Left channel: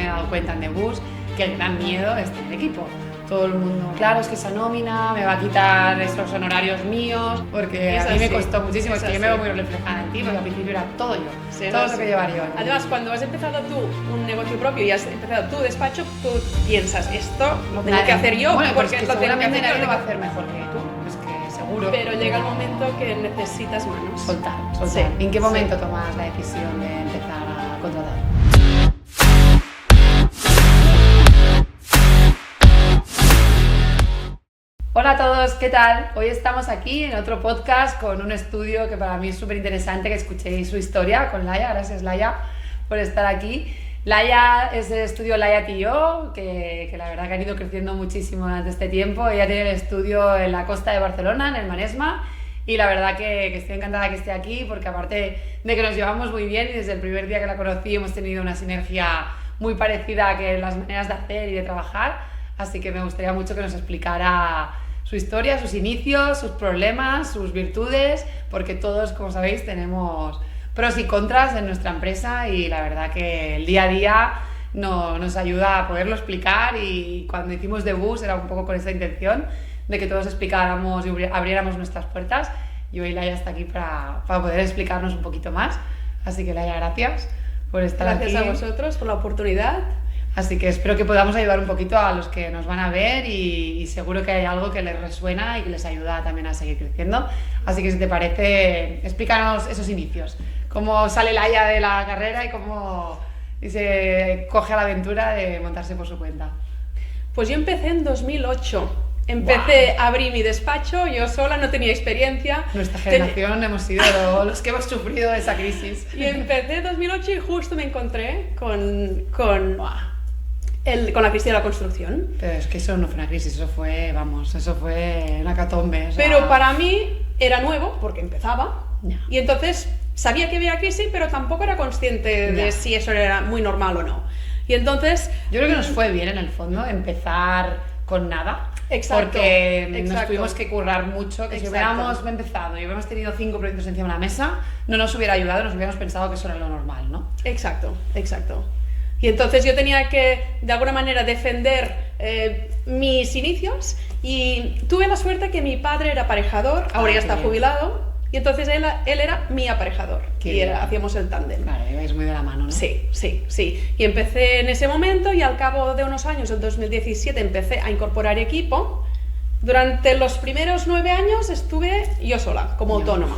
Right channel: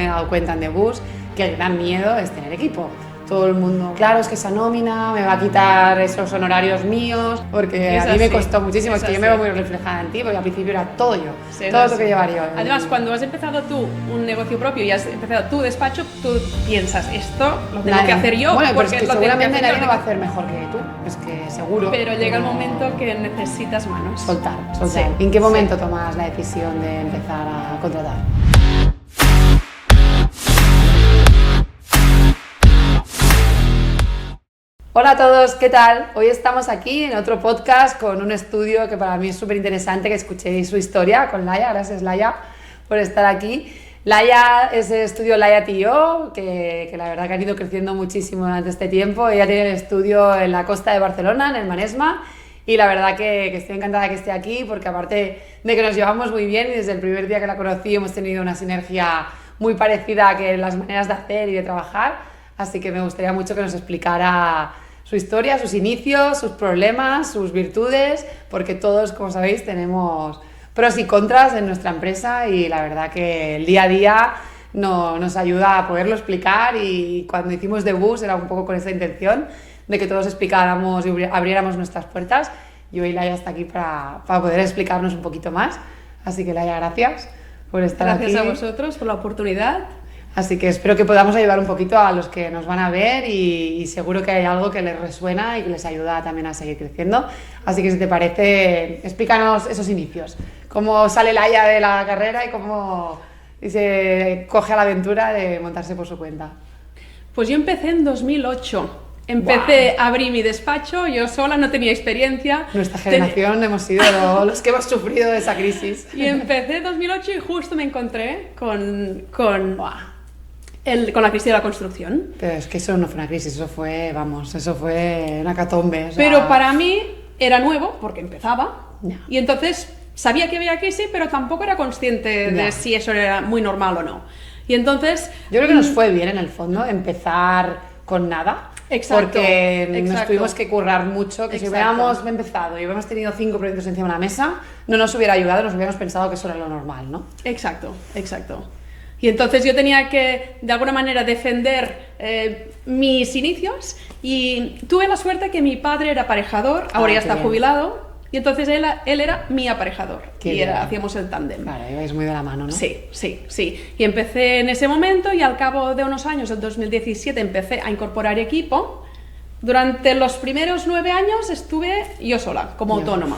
me he dado cuenta en The Bus que el gran miedo es tener equipo. Todo el mundo, claro, es que esa nómina me va a quitar esos honorarios míos, porque a mí me costó muchísimo, es que yo me veo muy reflejada en ti, porque al principio era todo yo, todo lo que llevar yo. Además, cuando has empezado tú un negocio propio y has empezado tu despacho, tú piensas, esto lo tengo que hacer yo. Bueno, pues que seguramente nadie lo va a hacer mejor que tú, es que seguro. Pero llega el momento que necesitas manos. Soltar. Sí, ¿en qué momento tomas la decisión de empezar a contratar? Hola a todos, ¿qué tal? Hoy estamos aquí en otro podcast con un estudio que para mí es súper interesante que escuchéis su historia con Laia. Gracias, Laia, por estar aquí. Laia es el estudio Laia T.O., que la verdad que ha ido creciendo muchísimo durante este tiempo. Ella tiene el estudio en la costa de Barcelona, en el Maresma, y la verdad que estoy encantada que esté aquí porque aparte de que nos llevamos muy bien y desde el primer día que la conocí hemos tenido una sinergia muy parecida que en las maneras de hacer y de trabajar, así que me gustaría mucho que nos explicara su historia, sus inicios, sus problemas, sus virtudes, porque todos, como sabéis, tenemos pros y contras en nuestra empresa y la verdad que el día a día nos ayuda a poderlo explicar, y cuando hicimos The Bus era un poco con esa intención de que todos explicáramos y abriéramos nuestras puertas, y hoy Laia está aquí para poder explicarnos un poquito más. Así que Laia, gracias por estar aquí. Gracias a vosotros por la oportunidad. Así que espero que podamos ayudar un poquito a los que nos van a ver y seguro que hay algo que les resuena y que les ayuda también a seguir creciendo. Así que si te parece, explícanos esos inicios. Cómo sale Laia de la carrera y cómo se coge a la aventura de montarse por su cuenta. Pues yo empecé en 2008. Empecé a abrir mi despacho, yo sola, no tenía experiencia. Nuestra generación hemos sido los que hemos sufrido de esa crisis. Y empecé en 2008 y justo me encontré con la crisis de la construcción. Pero es que eso no fue una crisis, eso fue una catombe. O sea... Pero para mí era nuevo porque empezaba, y entonces sabía que había crisis, pero tampoco era consciente de si eso era muy normal o no. Y entonces... Yo creo que nos fue bien en el fondo empezar con nada. Exacto, porque nos tuvimos que currar mucho, que si hubiéramos empezado y hubiéramos tenido 5 proyectos encima de la mesa, no nos hubiera ayudado, nos hubiéramos pensado que eso era lo normal, ¿no? Exacto. Y entonces yo tenía que, de alguna manera, defender mis inicios, y tuve la suerte que mi padre era aparejador, ahora ya está jubilado, y entonces él era mi aparejador, hacíamos el tándem. Claro, es muy de la mano, ¿no? Sí. Y empecé en ese momento, y al cabo de unos años, en 2017, empecé a incorporar equipo. Durante los primeros 9 años estuve yo sola, como autónoma.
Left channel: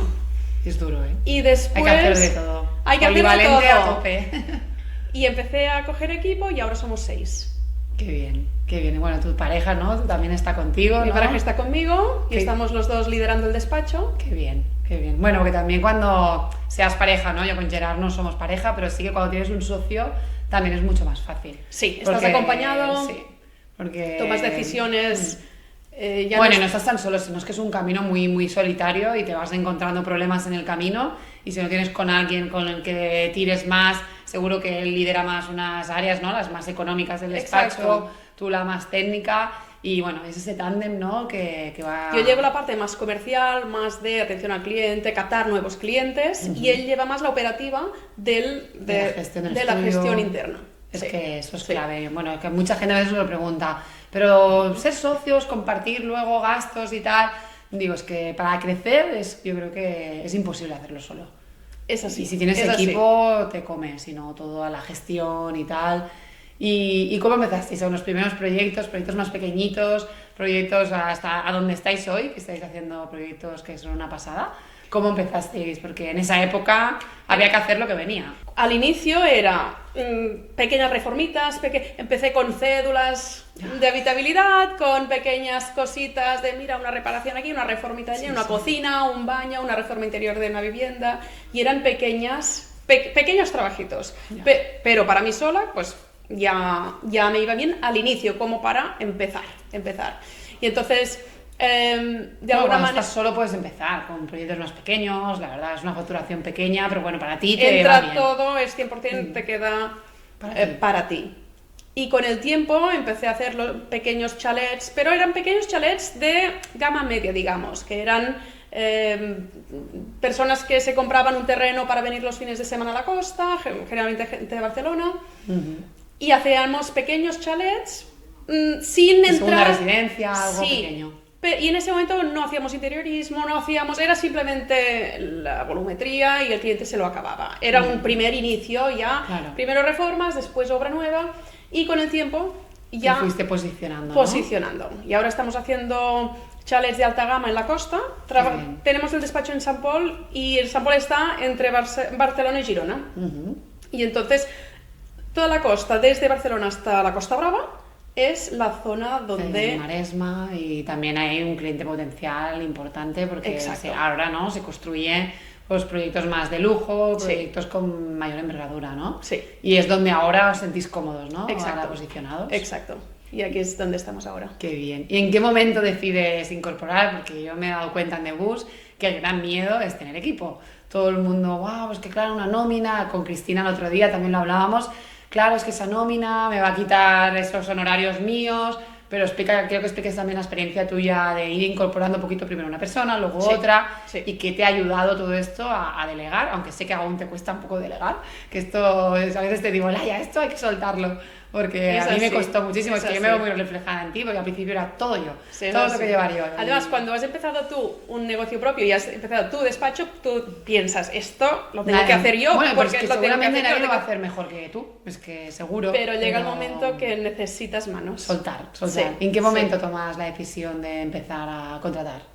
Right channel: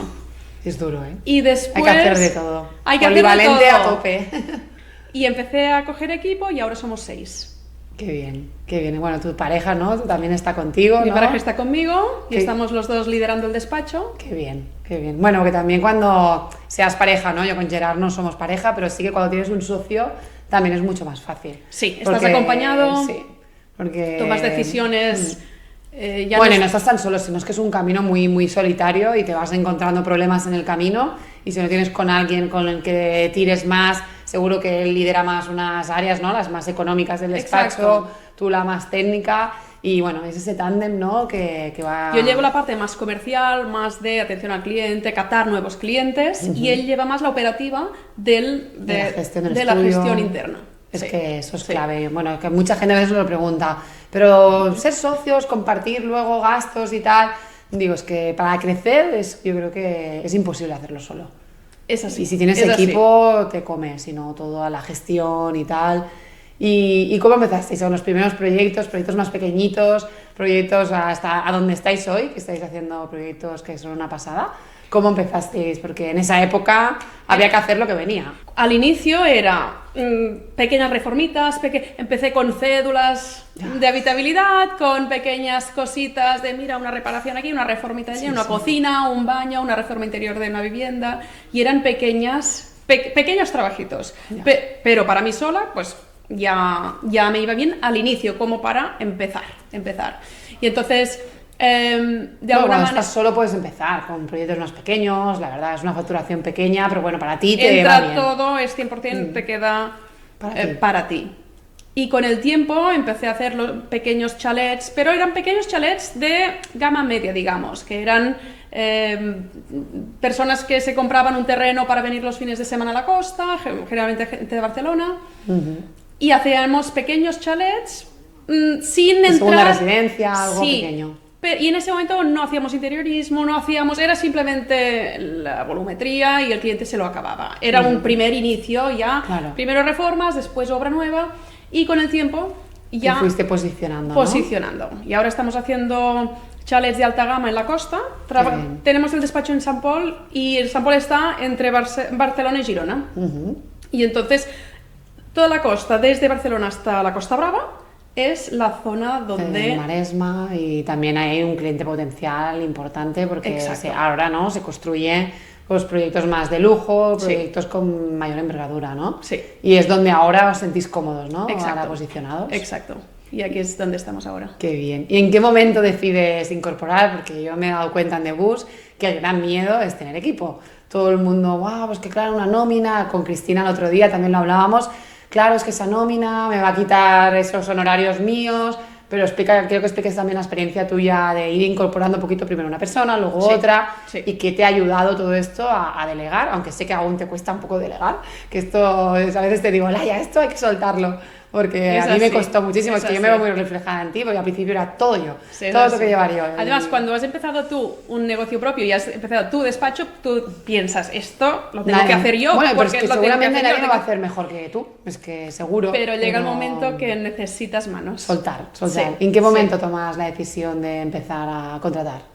Es duro, ¿eh? Y después... Hay que hacer de todo. Polivalente a tope. Y empecé a coger equipo y ahora somos 6. Qué bien. Bueno, tu pareja, ¿no? También está contigo, ¿no? Mi pareja está conmigo y estamos los dos liderando el despacho. Qué bien. Bueno, que también cuando seas pareja, ¿no? Yo con Gerard no somos pareja, pero sí que cuando tienes un socio también es mucho más fácil. Sí, estás acompañado, porque tomas decisiones... no estás tan solo, sino es que es un camino muy, muy solitario y te vas encontrando problemas en el camino, y si no tienes con alguien con el que tires más, seguro que él lidera más unas áreas, ¿no? Las más económicas del despacho, tú la más técnica, y bueno, es ese tándem, ¿no? que va... Yo llevo la parte más comercial, más de atención al cliente, captar nuevos clientes, y él lleva más la operativa de la gestión interna. Es que eso es clave. Bueno, que mucha gente a veces lo pregunta, pero ser socios, compartir luego gastos y tal, digo, es que para crecer yo creo que es imposible hacerlo solo. Es así. Y si tienes equipo, te comes, sino toda la gestión y tal. ¿Y cómo empezasteis? ¿Son los primeros proyectos más pequeñitos, proyectos hasta a donde estáis hoy, que estáis haciendo proyectos que son una pasada? ¿Cómo empezasteis? Porque en esa época había que hacer lo que venía. Al inicio era pequeñas reformitas, empecé con cédulas de habitabilidad, con pequeñas cositas de, mira, una reparación aquí, una reformita allí, una cocina, un baño, una reforma interior de una vivienda, y eran pequeños trabajitos. Pero para mí sola, pues ya me iba bien al inicio, como para empezar. Y entonces... cuando estás solo puedes empezar con proyectos más pequeños, la verdad es una facturación pequeña, pero bueno, para ti te va bien. Todo es 100%, te queda para ti. Y con el tiempo empecé a hacer los pequeños chalets, pero eran pequeños chalets de gama media, digamos, que eran personas que se compraban un terreno para venir los fines de semana a la costa, generalmente gente de Barcelona, y hacíamos pequeños chalets sin De segunda entrar... residencia, algo Sí, pequeño. y en ese momento no hacíamos interiorismo, no hacíamos... Era simplemente la volumetría y el cliente se lo acababa. Era un primer inicio ya. Claro. Primero reformas, después obra nueva y con el tiempo Te ya fuiste posicionando, ¿no? posicionando. Y ahora estamos haciendo chalets de alta gama en la costa. bien. Tenemos el despacho en Sant Pol y el Sant Pol está entre Barcelona y Girona. Ujú. Y entonces toda la costa, desde Barcelona hasta la Costa Brava, es la zona El donde... Maresma, y también hay un cliente potencial importante porque Exacto. ahora, ¿no?, se construyen pues, proyectos más de lujo, Sí. proyectos con mayor envergadura, ¿no? Sí. Y es donde ahora os sentís cómodos, ¿no? Exacto. Ahora posicionados. Exacto. Y aquí es donde estamos ahora. Qué bien. ¿Y en qué momento decides incorporar? Porque yo me he dado cuenta en The Bus que el gran miedo es tener equipo. Todo el mundo, guau, pues que claro, una nómina. Con Cristina el otro día también lo hablábamos. Claro, es que esa nómina me va a quitar esos honorarios míos. Pero quiero que expliques también la experiencia tuya de ir incorporando un poquito primero una persona, luego Sí, otra, sí. y qué te ha ayudado todo esto a delegar, aunque sé que aún te cuesta un poco delegar, que esto a veces te digo, Laia, esto hay que soltarlo, porque Es a mí me así, costó muchísimo, es es que yo me así. veo muy reflejada en ti, porque al principio era todo yo, Sí, todo lo lo sé. que llevar yo. Además, cuando has empezado tú un negocio propio y has empezado tu despacho, tú piensas, esto lo tengo que hacer yo. Bueno, pero es porque que lo tengo seguramente hacer, nadie lo lo va a tengo- hacer mejor que tú, es que seguro. Pero llega el momento que necesitas manos. Soltar. Sí, ¿En qué momento sí. tomas la decisión de empezar a contratar?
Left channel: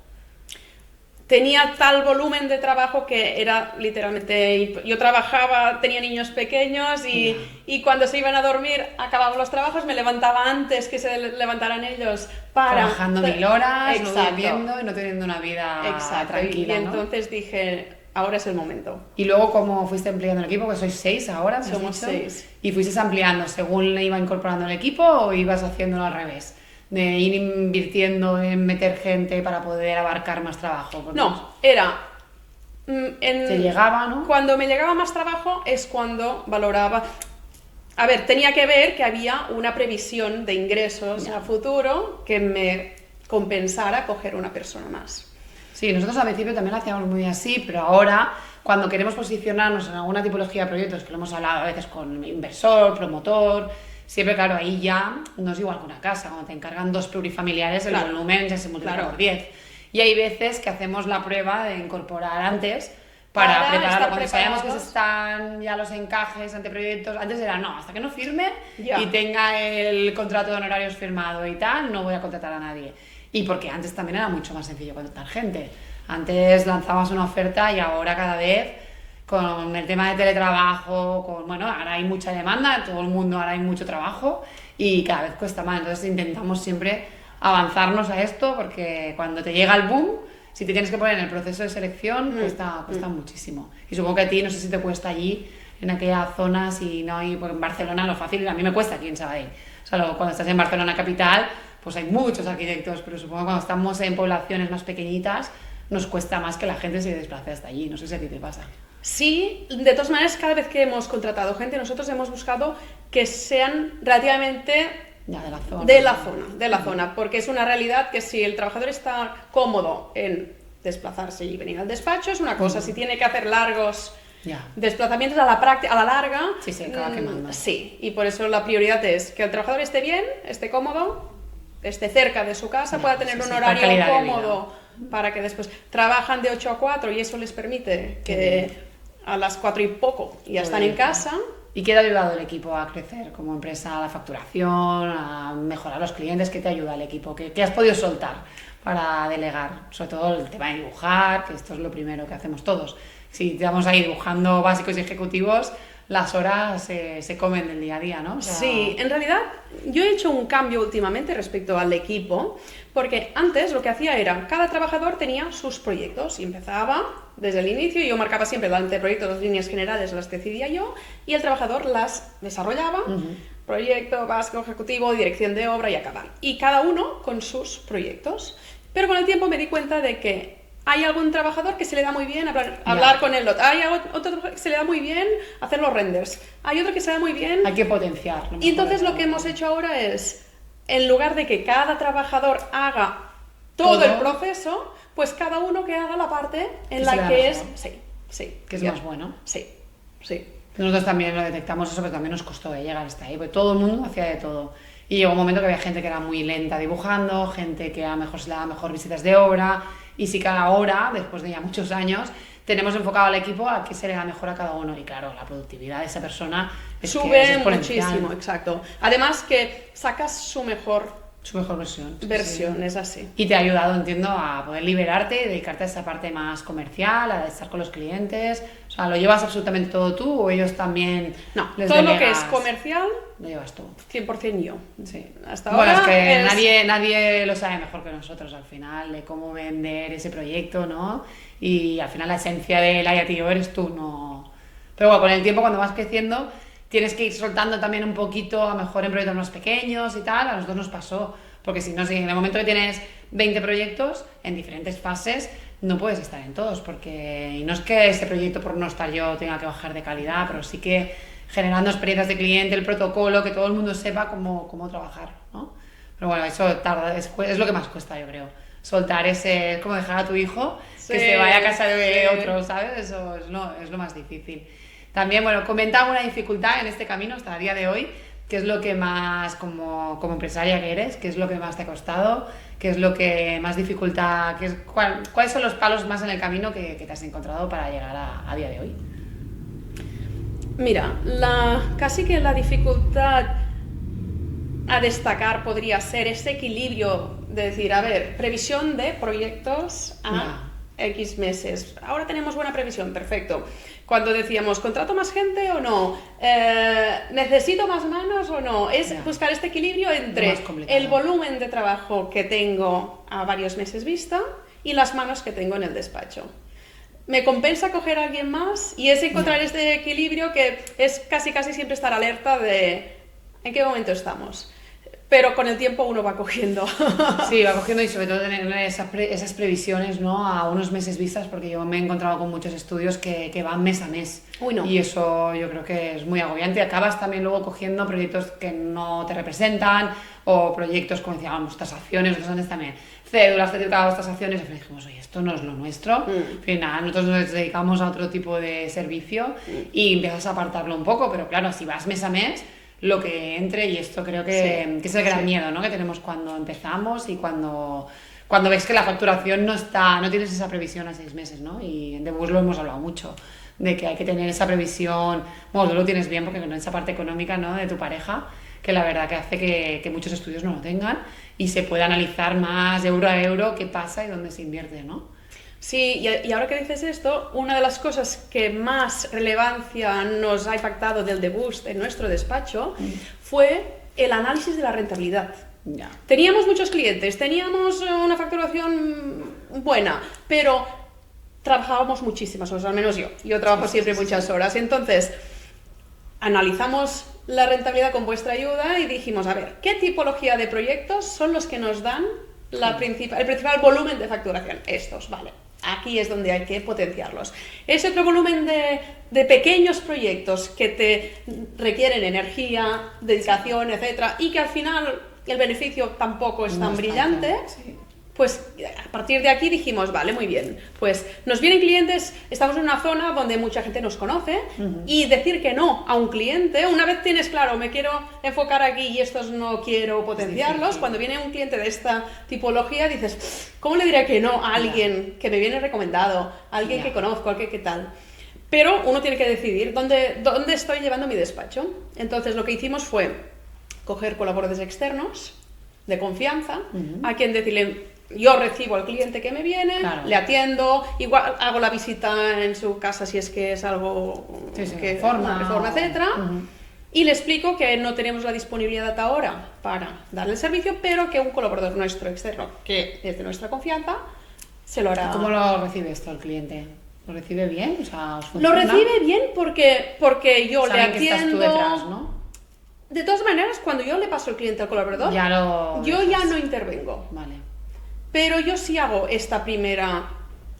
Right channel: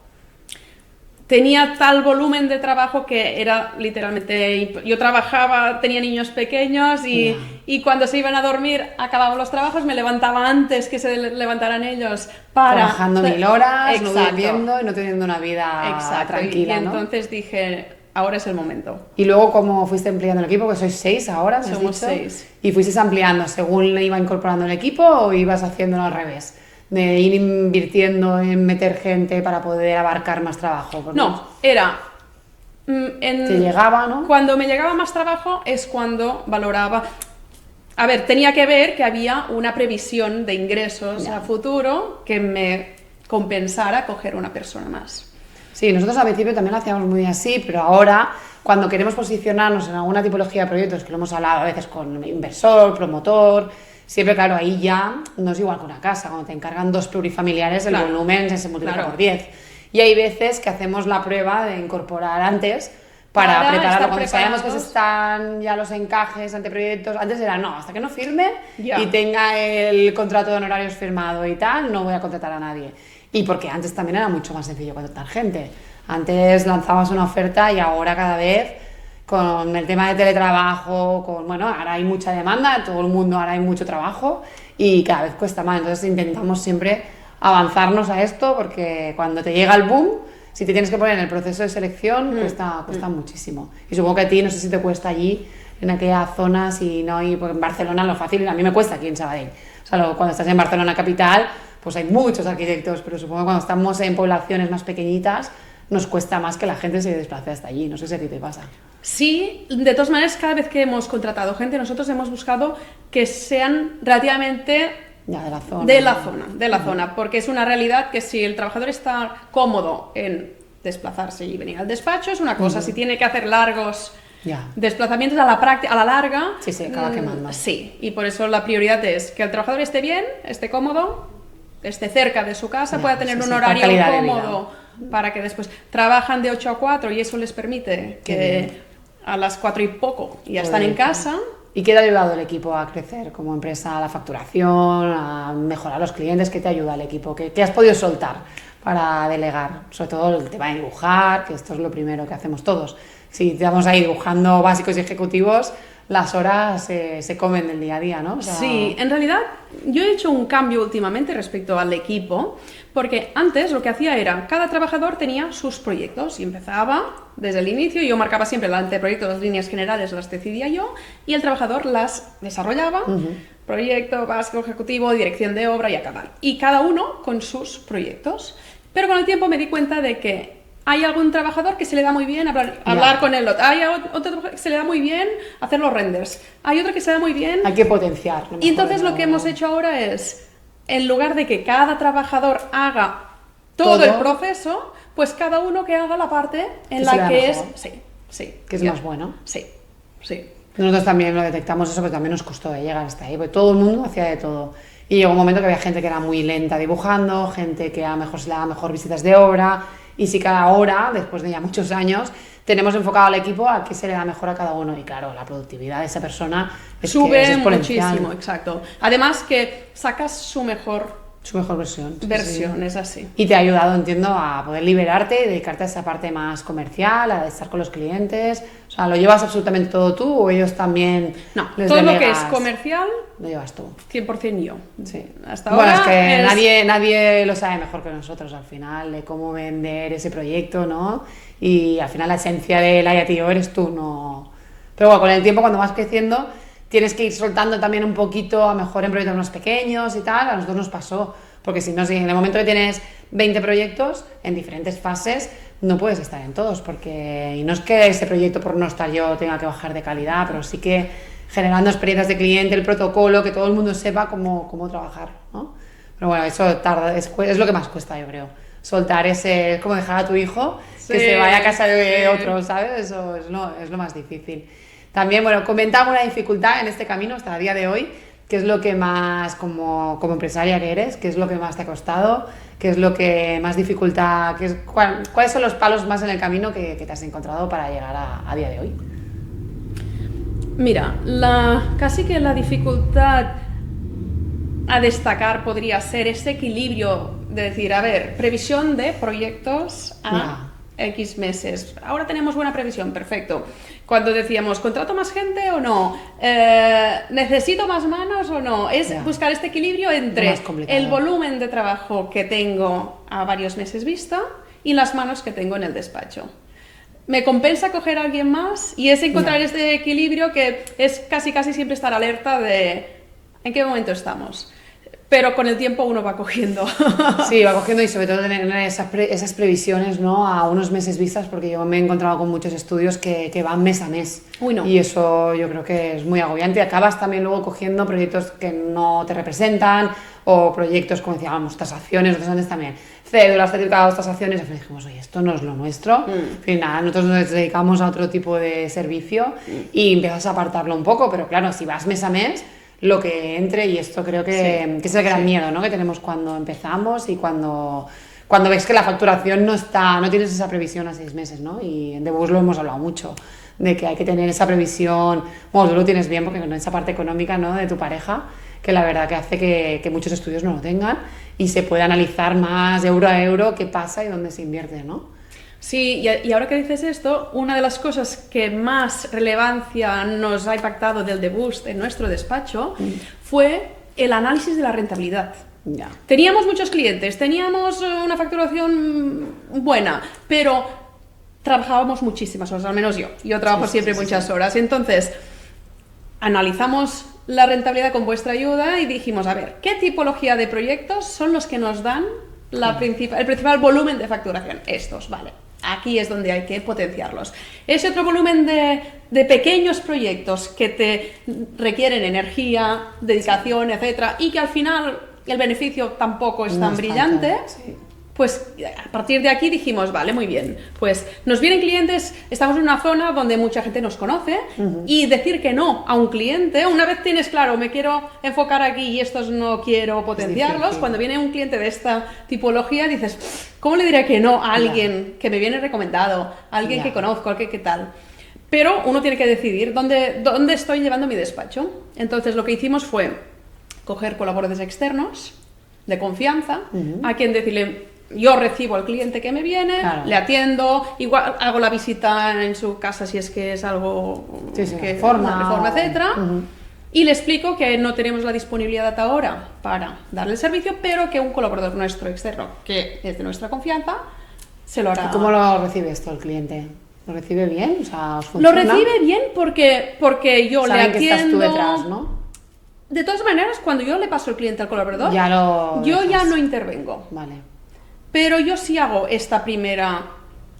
Tenía tal volumen de trabajo que era literalmente... Yo trabajaba, tenía niños pequeños y cuando se iban a dormir acababan los trabajos, me levantaba antes que se levantaran ellos para... Trabajando 1000 horas, no Exacto. durmiendo y no teniendo una vida Exacto. tranquila, y ¿no? entonces dije, ahora es el momento. Y luego, ¿cómo fuiste ampliando el equipo? Que sois 6 ahora, me has Somos dicho. 6. ¿Y fuisteis ampliando según le iba incorporando el equipo o ibas haciéndolo al revés? De ir invirtiendo en meter gente para poder abarcar más trabajo. Porque No, era... te llegaba, ¿no? Cuando me llegaba más trabajo es cuando valoraba... A ver, tenía que ver que había una previsión de ingresos Ya. a futuro que me compensara coger una persona más. Sí, nosotros al principio también lo hacíamos muy así, pero ahora, cuando queremos posicionarnos en alguna tipología de proyectos, que lo hemos hablado a veces con inversor, promotor, siempre, claro, ahí ya no es igual que una casa. Cuando te encargan 2 plurifamiliares, el Claro. volumen se multiplica Claro. por 10. Y hay veces que hacemos la prueba de incorporar antes para Para prepararlo. estar Cuando sabemos que se preparados. están ya los encajes ante proyectos, antes era no, hasta que no firme Ya. y tenga el contrato de honorarios firmado y tal, no voy a contratar a nadie. Y porque antes también era mucho más sencillo contratar gente. Antes lanzabas una oferta y ahora cada vez con el tema de teletrabajo, bueno, ahora hay mucha demanda, todo el mundo ahora hay mucho trabajo y cada vez cuesta más. Entonces intentamos siempre avanzarnos a esto porque cuando te llega el boom, si te tienes que poner en el proceso de selección, cuesta muchísimo. Y supongo que a ti, no sé si te cuesta allí, en aquella zona, si no hay, pues en Barcelona lo fácil, a mí me cuesta aquí en Sabadell. O sea, cuando estás en Barcelona capital, pues hay muchos arquitectos, pero supongo que cuando estamos en poblaciones más pequeñitas, nos cuesta más que la gente se desplace hasta allí. No sé si a ti te pasa. Sí, de todas maneras, cada vez que hemos contratado gente, nosotros hemos buscado que sean relativamente Ya, de la zona. de la zona, porque es una realidad que si el trabajador está cómodo en desplazarse y venir al despacho, es una cosa. Si tiene que hacer largos Ya. desplazamientos a la larga, Sí, se acaba quemando. Sí, y por eso la prioridad es que el trabajador esté bien, esté cómodo, esté cerca de su casa, Ya, pueda tener sí, un sí, para horario calidad de vida. cómodo para que después trabajan de 8 a 4 y eso les permite Qué que a las 4 y poco ya están Joder. en casa. ¿Y qué te ha ayudado el equipo a crecer como empresa, a la facturación, a mejorar los clientes? ¿Qué te ayuda el equipo? ¿Qué has podido soltar para delegar? Sobre todo el tema de dibujar, que esto es lo primero que hacemos todos. Si estamos ahí dibujando básicos y ejecutivos, las horas se comen del día a día, ¿no? O sea, Sí, en realidad yo he hecho un cambio últimamente respecto al equipo, porque antes lo que hacía era, cada trabajador tenía sus proyectos y empezaba desde el inicio, yo marcaba siempre el anteproyecto, las líneas generales las decidía yo y el trabajador las desarrollaba, proyecto básico, ejecutivo, dirección de obra y acabar. Y cada uno con sus proyectos. Pero con el tiempo me di cuenta de que hay algún trabajador que se le da muy bien hablar con el otro. Hay otro que se le da muy bien hacer los renders. Hay otro que se le da muy bien... hay que potenciar. lo Y mejor entonces de lo que uno. hemos hecho ahora es, en lugar de que cada trabajador haga todo el proceso, pues cada uno que haga la parte en Que se le la da que es... mejor. Sí, sí. Que es ya. más bueno. Sí, sí. Nosotros también lo detectamos eso, que también nos costó llegar hasta ahí, porque todo el mundo hacía de todo. Y llegó un momento que había gente que era muy lenta dibujando, gente que a lo mejor se le daba mejor visitas de obra, y sí que ahora, después de ya muchos años, tenemos enfocado al equipo a qué se le da mejor a cada uno. Y claro, la productividad de esa persona sube es exponencial. muchísimo, exacto. Además que sacas su mejor versión. Versión, es así. Y te ha ayudado, entiendo, a poder liberarte y dedicarte a esa parte más comercial, a estar con los clientes. O sea, ¿lo llevas absolutamente todo tú o ellos también No, les todo delegas? lo que es comercial, Lo llevas tú. 100% yo. Sí. Hasta Bueno, ahora es que nadie lo sabe mejor que nosotros al final, de cómo vender ese proyecto, ¿no? Y al final la esencia de Laia Tío eres tú, ¿no? Pero bueno, con el tiempo, cuando vas creciendo, tienes que ir soltando también un poquito, a lo mejor en proyectos más pequeños y tal. A nosotros nos pasó, porque si no, si en el momento que tienes 20 proyectos en diferentes fases, no puedes estar en todos, porque y no es que ese proyecto, por no estar yo, tenga que bajar de calidad, pero sí que generando experiencias de cliente, el protocolo, que todo el mundo sepa cómo trabajar, ¿no? Pero bueno, eso tarda, es lo que más cuesta, yo creo. Soltar ese, es como dejar a tu hijo que se vaya a casa de otro, ¿sabes? Eso es lo más difícil. También, bueno, comenta alguna dificultad en este camino hasta el día de hoy. ¿Qué es lo que más, como empresaria que eres, qué es lo que más te ha costado? ¿Qué es lo que más dificultad, cuáles son los palos más en el camino que te has encontrado para llegar a día de hoy? Mira, casi que la dificultad a destacar podría ser ese equilibrio de decir, a ver, previsión de proyectos a X meses. Ahora tenemos buena previsión, perfecto. Cuando decíamos, ¿contrato más gente o no? ¿Necesito más manos o no? Es buscar este equilibrio entre el volumen de trabajo que tengo a varios meses vista y las manos que tengo en el despacho. Me compensa coger a alguien más y es encontrar este equilibrio que es casi siempre estar alerta de en qué momento estamos. Pero con el tiempo uno va cogiendo. Sí, va cogiendo y sobre todo tener esas previsiones, ¿no? A unos meses vistas, porque yo me he encontrado con muchos estudios que van mes a mes. Uy, no. Y eso yo creo que es muy agobiante. Acabas también luego cogiendo proyectos que no te representan o proyectos, como decíamos, tasaciones, otros antes también. Cédulas, certificados, tasaciones. Al final dijimos, oye, esto no es lo nuestro. En fin, nada, nosotros nos dedicamos a otro tipo de servicio y empiezas a apartarlo un poco, pero claro, si vas mes a mes, lo que entre, y esto creo que es el gran miedo, ¿no? Que tenemos cuando empezamos y cuando ves que la facturación no tienes esa previsión a 6 meses, ¿no? Y en Debus lo hemos hablado mucho, de que hay que tener esa previsión, bueno, tú lo tienes bien porque con esa parte económica, ¿no? De tu pareja, que la verdad que hace que muchos estudios no lo tengan y se pueda analizar más euro a euro qué pasa y dónde se invierte, ¿no? Sí, y ahora que dices esto, una de las cosas que más relevancia nos ha impactado del debut en nuestro despacho fue el análisis de la rentabilidad. Ya. Teníamos muchos clientes, teníamos una facturación buena, pero trabajábamos muchísimas horas, al menos yo. Yo trabajo siempre muchas horas. Entonces, analizamos la rentabilidad con vuestra ayuda y dijimos, a ver, ¿qué tipología de proyectos son los que nos dan el principal volumen de facturación? Estos, vale. Aquí es donde hay que potenciarlos. Ese otro volumen de pequeños proyectos que te requieren energía, dedicación, etcétera, y que al final el beneficio tampoco es tan brillante, pues a partir de aquí dijimos, vale, muy bien, pues nos vienen clientes, estamos en una zona donde mucha gente nos conoce, y decir que no a un cliente, una vez tienes claro, me quiero enfocar aquí y estos no quiero potenciarlos, cuando viene un cliente de esta tipología dices, ¿cómo le diré que no a alguien que me viene recomendado, a alguien que conozco, qué tal? Pero uno tiene que decidir dónde estoy llevando mi despacho. Entonces lo que hicimos fue coger colaboradores externos de confianza, a quien decirle, yo recibo al cliente que me viene, le atiendo, igual hago la visita en su casa si es que es algo que reforma, etcétera, y le explico que no tenemos la disponibilidad ahora para darle el servicio, pero que un colaborador nuestro externo, que es de nuestra confianza, se lo hará. ¿Cómo lo recibe esto el cliente? ¿Lo recibe bien? O sea, ¿os funciona? Lo recibe bien porque yo le atiendo. Que estás tú detrás, ¿no? De todas maneras, cuando yo le paso el cliente al colaborador, yo ya no intervengo. Vale. Pero yo sí hago esta primera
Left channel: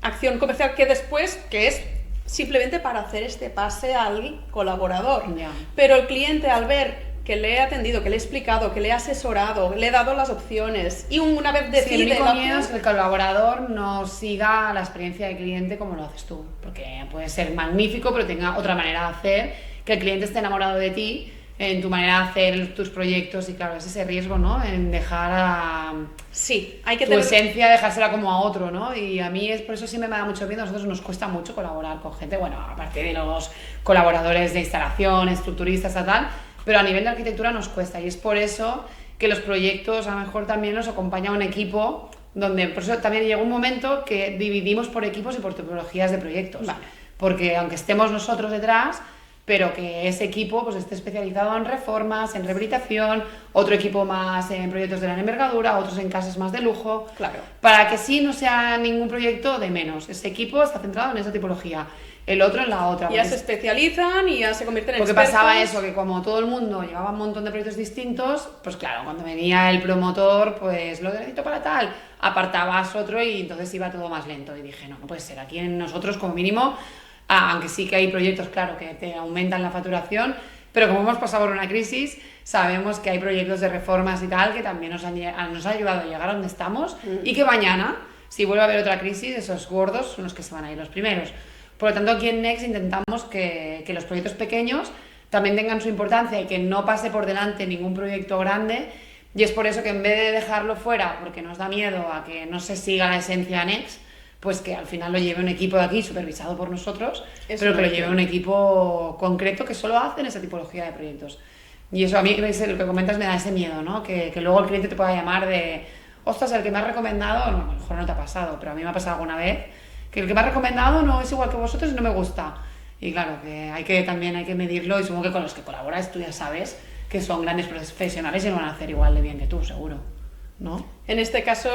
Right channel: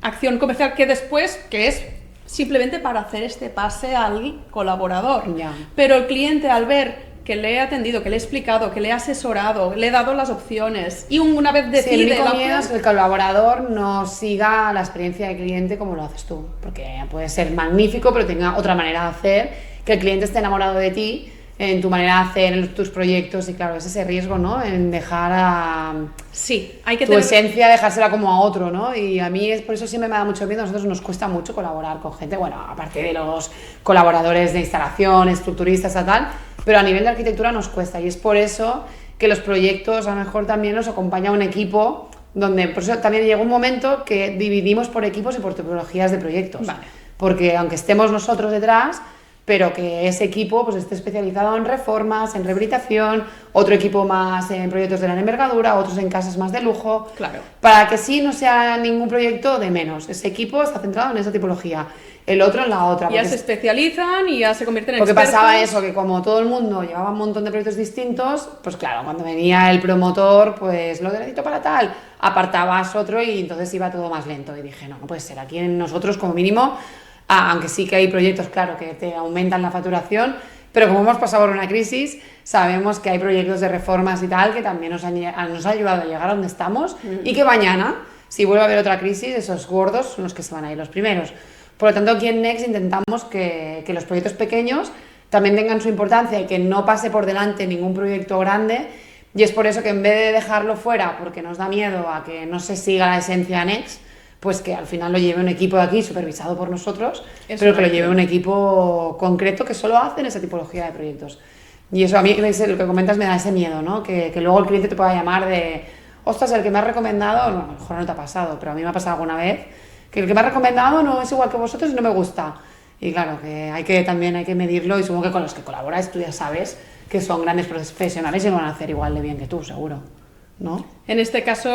acción comercial que es simplemente para hacer este pase al colaborador. Ya. Pero el cliente, al ver que le he atendido, que le he explicado, que le he asesorado, le he dado las opciones y una vez Sí, decide... el único miedo es que el colaborador no siga la experiencia del cliente como lo haces tú, porque puede ser magnífico, pero tenga otra manera de hacer, que el cliente esté enamorado de ti, en tu manera de hacer tus proyectos y claro, es ese riesgo, ¿no? En dejar a Sí, hay que tu esencia, dejársela como a otro, ¿no? Y a mí es por eso siempre me da mucho miedo, a nosotros nos cuesta mucho colaborar con gente, bueno, aparte de los colaboradores de instalación, estructuristas y tal, pero a nivel de arquitectura nos cuesta y es por eso que los proyectos a lo mejor también los acompaña un equipo donde, por eso también llega un momento que dividimos por equipos y por tipologías de proyectos, Vale. porque aunque estemos nosotros detrás, pero que ese equipo pues esté especializado en reformas, en rehabilitación, otro equipo más en proyectos de gran envergadura, otros en casas más de lujo, Claro. para que sí no sea ningún proyecto de menos. Ese equipo está centrado en esa tipología, el otro en la otra. Ya se especializan y ya se convierten en Porque expertos. pasaba eso, que como todo el mundo llevaba un montón de proyectos distintos, pues claro, cuando venía el promotor, pues lo necesito para tal, apartabas otro y entonces iba todo más lento. Y dije, no puede ser, aquí nosotros como mínimo, aunque sí que hay proyectos, claro, que te aumentan la facturación, pero como hemos pasado por una crisis, sabemos que hay proyectos de reformas y tal que también nos ha ayudado a llegar a donde estamos y que mañana, si vuelve a haber otra crisis, esos gordos son los que se van a ir los primeros. Por lo tanto, aquí en Next intentamos que los proyectos pequeños también tengan su importancia y que no pase por delante ningún proyecto grande. Y es por eso que en vez de dejarlo fuera, porque nos da miedo a que no se siga la esencia de Next, pues que al final lo lleve un equipo de aquí supervisado por nosotros, pero que lo lleve un equipo concreto que solo hace en esa tipología de proyectos. Y eso a mí, lo que comentas, me da ese miedo, ¿no? Que luego el cliente te pueda llamar de, ostras, el que me has recomendado, no, a lo mejor no te ha pasado, pero a mí me ha pasado alguna vez, que el que me ha recomendado no es igual que vosotros y no me gusta. Y claro, que también hay que medirlo y supongo que con los que colaboras tú ya sabes que son grandes profesionales y lo van a hacer igual de bien que tú, seguro, ¿no? En este caso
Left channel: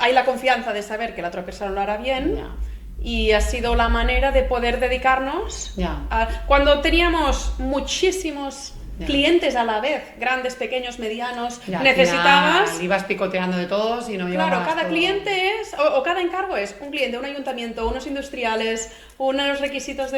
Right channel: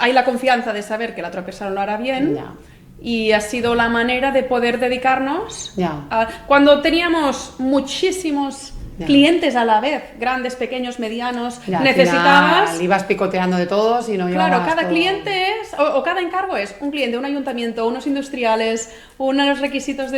hay la confianza de saber que la otra persona lo hará bien. Ya. Y ha sido la manera de poder dedicarnos Ya. cuando teníamos muchísimos clientes a la vez, grandes, pequeños, medianos, Ya, necesitabas... ibas picoteando de todos y no Claro, llevabas cada todo. cliente es, o cada encargo es un cliente, un ayuntamiento, unos industriales, unos requisitos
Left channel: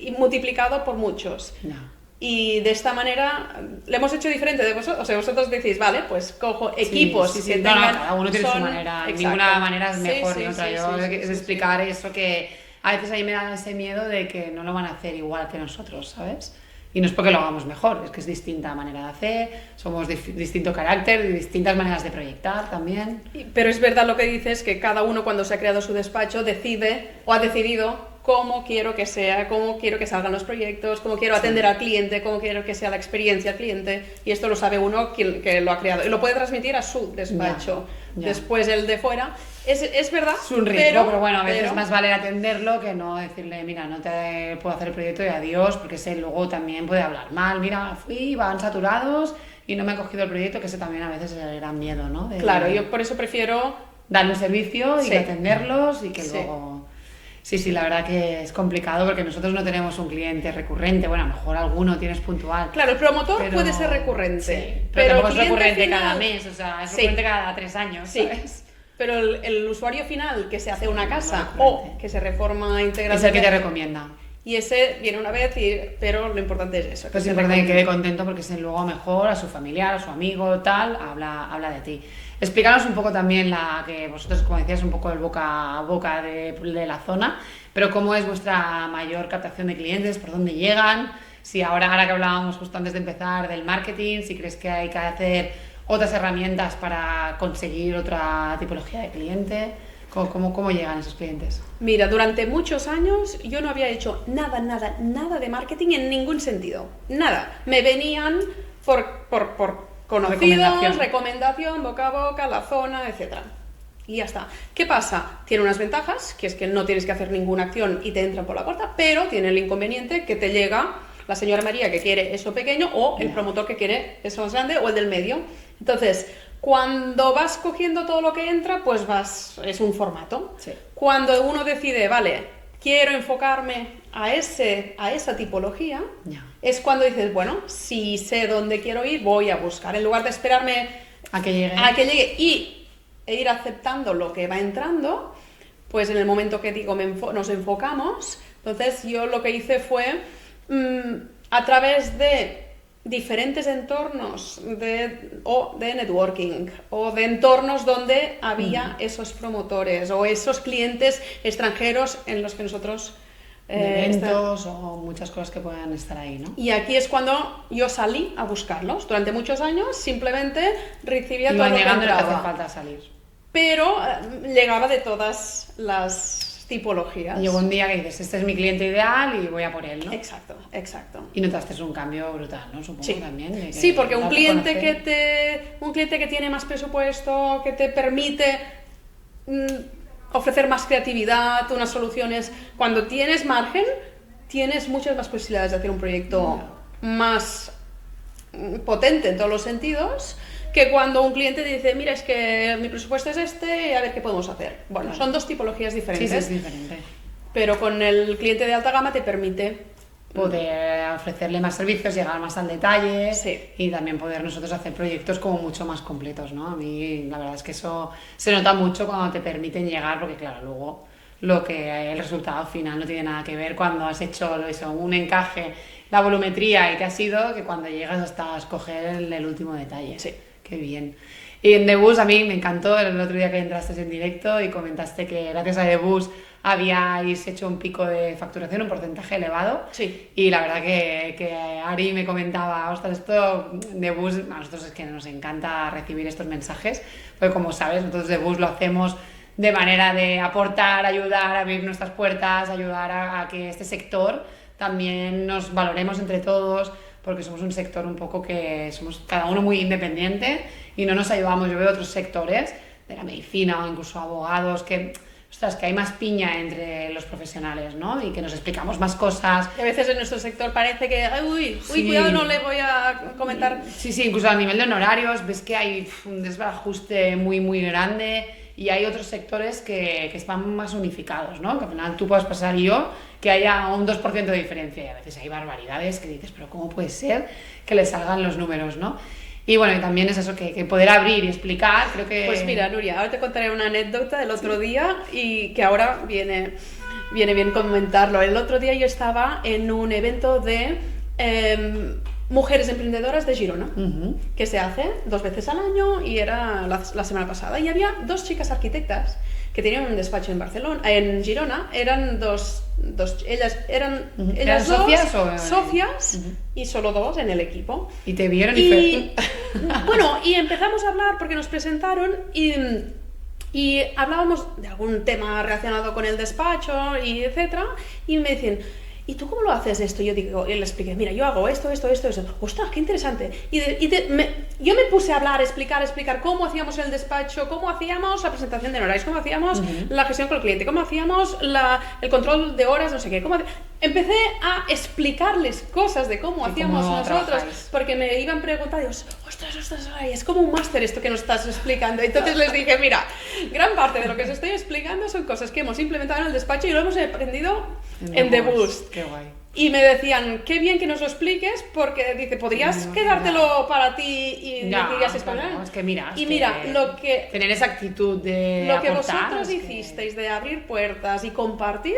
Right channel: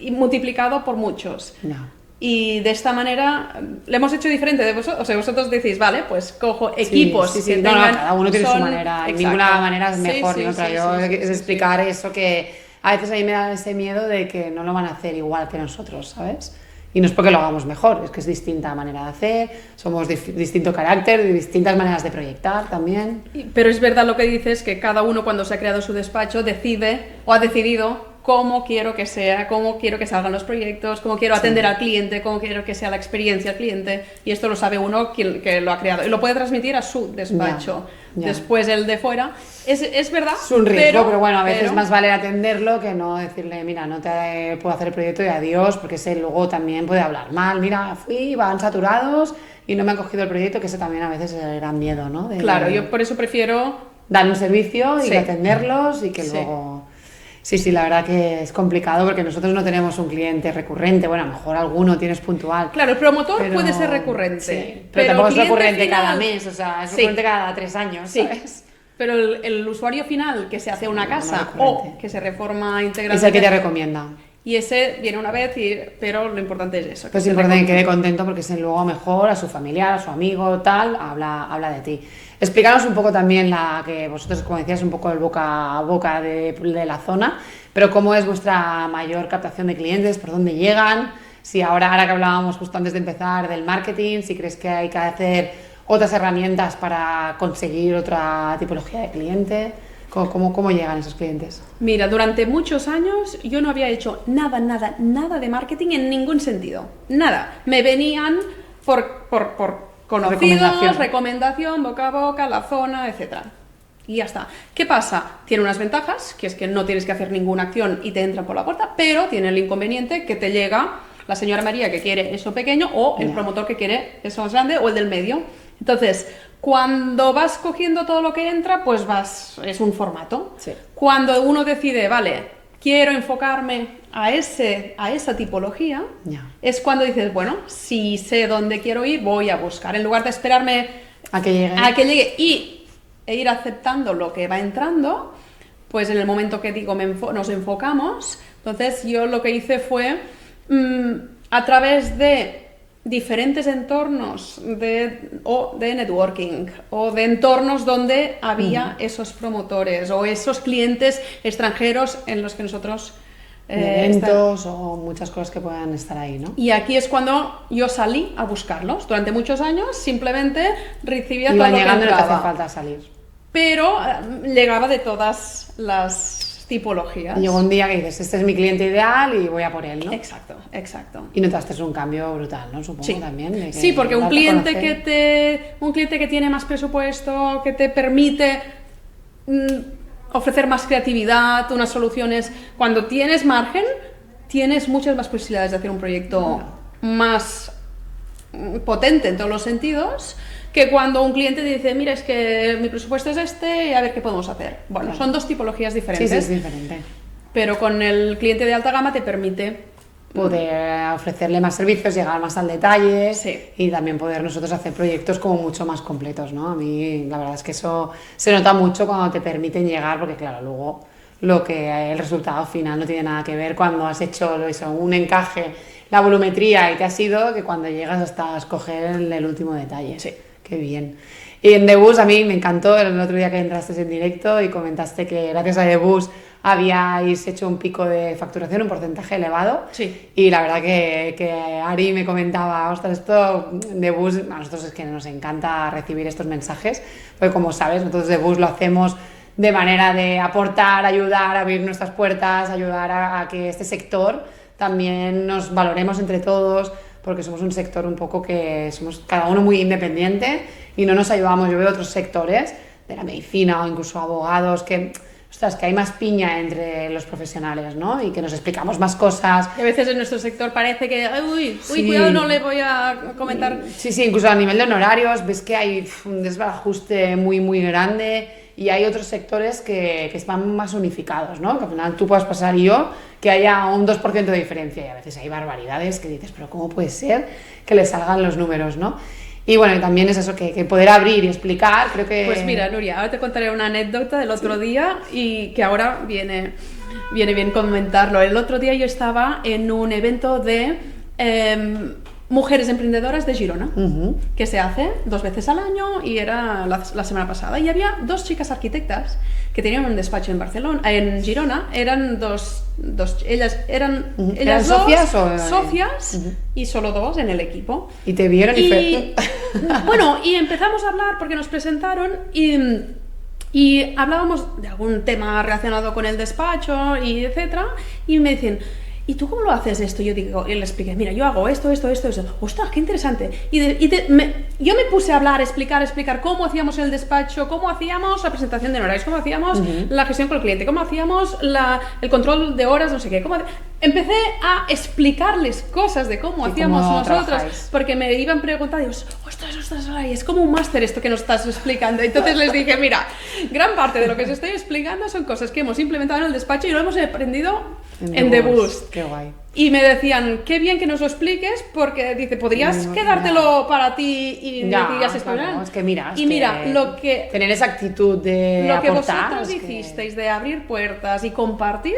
y multiplicado por muchos. Ya. Y de esta manera le hemos hecho diferente de vosotros. O sea, vosotros decís, vale, pues cojo equipos Sí. que No, tengan... cada uno tiene su son- manera. Exacto. Ninguna manera es mejor Sí, ni otra. sí, Yo sí, es sí. explicar eso que a veces a mí me da ese miedo de que no lo van a hacer igual que nosotros, ¿sabes? Y no es porque lo hagamos mejor, es que es distinta manera de hacer, somos distinto carácter, distintas maneras de proyectar también. Pero es verdad lo que dices, que cada uno cuando se ha creado su despacho decide o ha decidido cómo quiero que sea, cómo quiero que salgan los proyectos, cómo quiero atender al cliente, cómo quiero que sea la experiencia al cliente. Y esto lo sabe uno que lo ha creado. Y lo puede transmitir a su despacho. Ya. Después el de fuera. Es verdad. Es un riesgo, pero bueno, a veces más vale atenderlo que no decirle, mira, no te puedo hacer el proyecto y adiós, porque ese luego también puede hablar mal. Mira, van saturados y no me han cogido el proyecto, que eso también a veces era miedo, ¿no? Claro, yo por eso prefiero... dar un servicio y Sí. que atenderlos y que Sí. luego... Sí, la verdad que es complicado porque nosotros no tenemos un cliente recurrente, bueno, a lo mejor alguno tienes puntual. Claro, el promotor pero- puede ser recurrente. Sí, pero tampoco es cliente recurrente final- cada mes, o sea, es Sí. recurrente cada 3 años, Sí. ¿sabes? Pero el usuario final que se hace una casa no o recurrente. que se reforma Es integralmente... el que te recomienda. Y ese viene una vez, pero lo importante es eso. Pues es importante que quede contento porque si luego mejor a su familiar, a su amigo, tal, habla de ti. Explícanos un poco también que vosotros, como decías, un poco el boca a boca de la zona, pero cómo es vuestra mayor captación de clientes, por dónde llegan, si ahora que hablábamos justo antes de empezar del marketing, si crees que hay que hacer otras herramientas para conseguir otra tipología de cliente, cómo llegan esos clientes. Mira, durante muchos años yo no había hecho nada de marketing en ningún sentido. Nada. Me venían por conocidos, recomendación, boca a boca, la zona, etc. Y ya está. ¿Qué pasa? Tiene unas ventajas, que es que no tienes que hacer ninguna acción y te entra por la puerta, pero tiene el inconveniente que te llega la señora María que quiere eso pequeño o el promotor que quiere eso más grande o el del medio. Entonces, cuando vas cogiendo todo lo que entra, pues es un formato. Sí. Cuando uno decide, vale, quiero enfocarme a esa tipología, es cuando dices, bueno, si sé dónde quiero ir, voy a buscar. En lugar de esperarme a que llegue e ir aceptando lo que va entrando, pues en el momento que digo nos enfocamos, entonces yo lo que hice fue, a través de diferentes entornos o de networking o de entornos donde había esos promotores o esos clientes extranjeros en los que nosotros eventos o muchas cosas que puedan estar ahí, ¿no? Y aquí es cuando yo salí a buscarlos. Durante muchos años simplemente recibía todo Iban lo que llegando y no te hace entraba. falta salir. Pero llegaba de todas las tipologías. Y llegó un día que dices, este es mi cliente ideal y voy a por él, ¿no? Exacto, exacto. Y notaste un cambio brutal, ¿no? Supongo Sí. también. De que Sí, porque un darte a cliente conocer. un cliente que tiene más presupuesto, que te permite ofrecer más creatividad, unas soluciones. Cuando tienes margen, tienes muchas más posibilidades de hacer un proyecto más potente en todos los sentidos, que cuando un cliente dice, mira, es que mi presupuesto es este y a ver qué podemos hacer. Bueno, Claro. son dos tipologías Sí, diferentes, sí, es diferente. pero con el cliente de alta gama te permite Poder ofrecerle más servicios, llegar más al detalle Sí. y también poder nosotros hacer proyectos como mucho más completos, ¿no? A mí la verdad es que eso se nota mucho cuando te permiten llegar, porque claro, luego el resultado final no tiene nada que ver cuando has hecho eso, un encaje, la volumetría y te has ido, que cuando llegas hasta escoger el último detalle. Sí. Qué bien. Y en The Bus a mí me encantó el otro día que entraste en directo y comentaste que gracias a The Bus habíais hecho un pico de facturación, un porcentaje elevado. Sí. Y la verdad que Ari me comentaba, ostras, esto de Bus, a nosotros es que nos encanta recibir estos mensajes, porque como sabes, nosotros de Bus lo hacemos de manera de aportar, ayudar, abrir nuestras puertas, ayudar a que este sector también nos valoremos entre todos, porque somos un sector un poco que somos cada uno muy independiente y no nos ayudamos. Yo veo otros sectores de la medicina o incluso abogados que, ostras, que hay más piña entre los profesionales, ¿no? Y que nos explicamos más cosas. Y a veces en nuestro sector parece que, uy, Sí. cuidado, no le voy a comentar. Sí, incluso a nivel de honorarios ves que hay un desbarajuste muy, muy grande y hay otros sectores que están más unificados, ¿no? Que al final tú puedas pasar y yo, que haya un 2% de diferencia y a veces hay barbaridades que dices, pero ¿cómo puede ser que le salgan los números, ¿no? Y bueno, y también es eso, que poder abrir y explicar, creo que... Pues mira, Nuria, ahora te contaré una anécdota del otro día y que ahora viene bien comentarlo. El otro día yo estaba en un evento de mujeres emprendedoras de Girona, que se hace 2 veces al año y era la semana pasada. Y había 2 chicas arquitectas que tenían un despacho en Barcelona, en Girona. Eran ellas ¿Eran dos socias o...? socias y solo 2 en el equipo. Y te vieron y... Bueno, y empezamos a hablar porque nos presentaron y hablábamos de algún tema relacionado con el despacho y etcétera, y me dicen, ¿y tú cómo lo haces esto? Yo digo, y le expliqué, mira, yo hago esto. ¡Ostras, qué interesante! Yo me puse a hablar, explicar cómo hacíamos el despacho, cómo hacíamos la presentación de honorarios, cómo hacíamos la gestión con el cliente, cómo hacíamos el control de horas, no sé qué. Empecé a explicarles cosas de cómo hacíamos nosotros, trabajáis. porque me iban preguntando, y digo, ostras, Olaya, es como un máster esto que nos estás explicando. Entonces les dije, mira, gran parte de lo que os estoy explicando son cosas que hemos implementado en el despacho y lo hemos aprendido en The Boost. Qué guay. Y me decían, qué bien que nos lo expliques, porque dice, podrías quedártelo para ti y Ya, me digas esto. claro, es que mira, Y mira, lo que tener esa actitud de lo que aportar... vosotros es que- hicisteis de abrir puertas y compartir,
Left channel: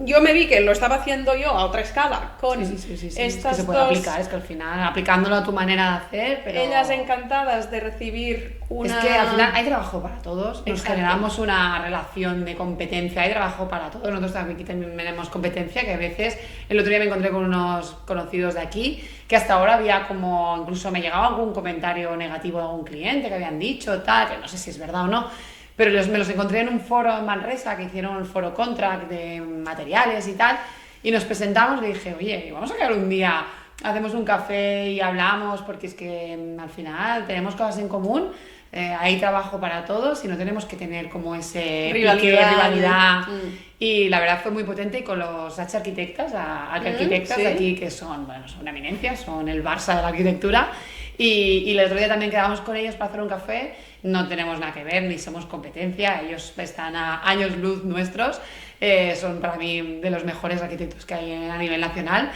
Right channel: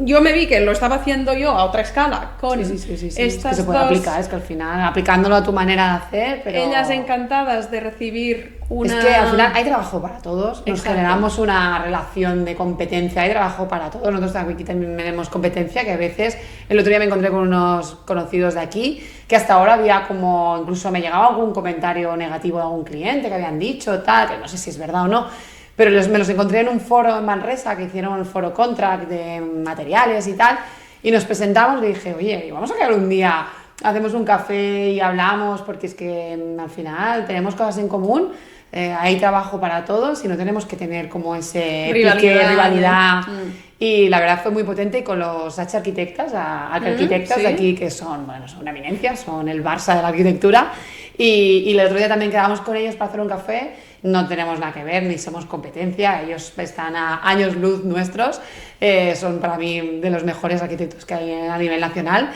yo me vi que lo estaba haciendo yo a otra escala con Sí, es que estas se puede dos aplicar, es que al final, aplicándolo a tu manera de hacer, pero... ellas encantadas de recibir una... Es que al final hay trabajo para todos, nos Exacto. generamos una relación de competencia, hay trabajo para todos, nosotros aquí también tenemos competencia, que a veces, el otro día me encontré con unos conocidos de aquí, que hasta ahora había como, incluso me llegaba algún comentario negativo de algún cliente que habían dicho, tal, que no sé si es verdad o no, pero me los encontré en un foro en Manresa, que hicieron el foro Contract de materiales y tal, y nos presentamos y dije, oye, vamos a quedar un día, hacemos un café y hablamos, porque es que al final tenemos cosas en común, hay trabajo para todos y no tenemos que tener como ese rivalidad. Y la verdad fue muy potente, y con los arquitectas sí. de aquí, que son una eminencia, son el Barça de la arquitectura, y el otro día también quedamos con ellos para hacer un café. No tenemos nada que ver, ni somos competencia, ellos están a años luz nuestros, son para mí de los mejores arquitectos que hay a nivel nacional.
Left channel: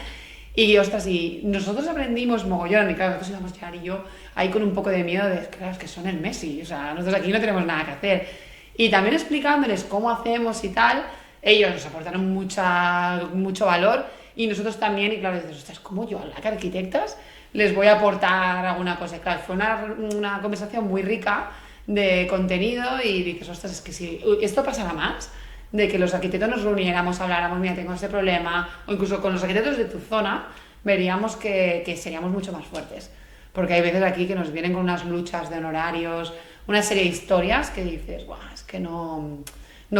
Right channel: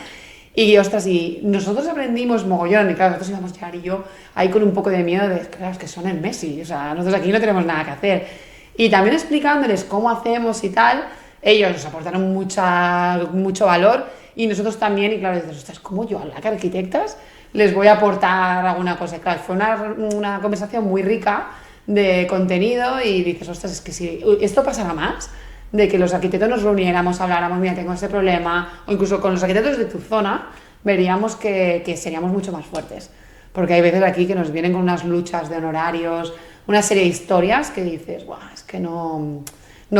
Y ostras, y nosotros aprendimos mogollón, y claro, nosotros íbamos llegar y yo ahí con un poco de miedo de, claro, es que son el Messi, o sea, nosotros aquí no tenemos nada que hacer. Y también explicándoles cómo hacemos y tal, ellos nos aportaron mucho valor, y nosotros también, y claro, dices, ostras, ¿cómo yo a las arquitectas les voy a aportar alguna cosa? Y claro, fue una conversación muy rica de contenido y dices, ostras, es que si esto pasará más, de que los arquitectos nos reuniéramos, habláramos, mira, tengo ese problema, o incluso con los arquitectos de tu zona, veríamos que seríamos mucho más fuertes. Porque hay veces aquí que nos vienen con unas luchas de honorarios, una serie de historias que dices, guau, es que no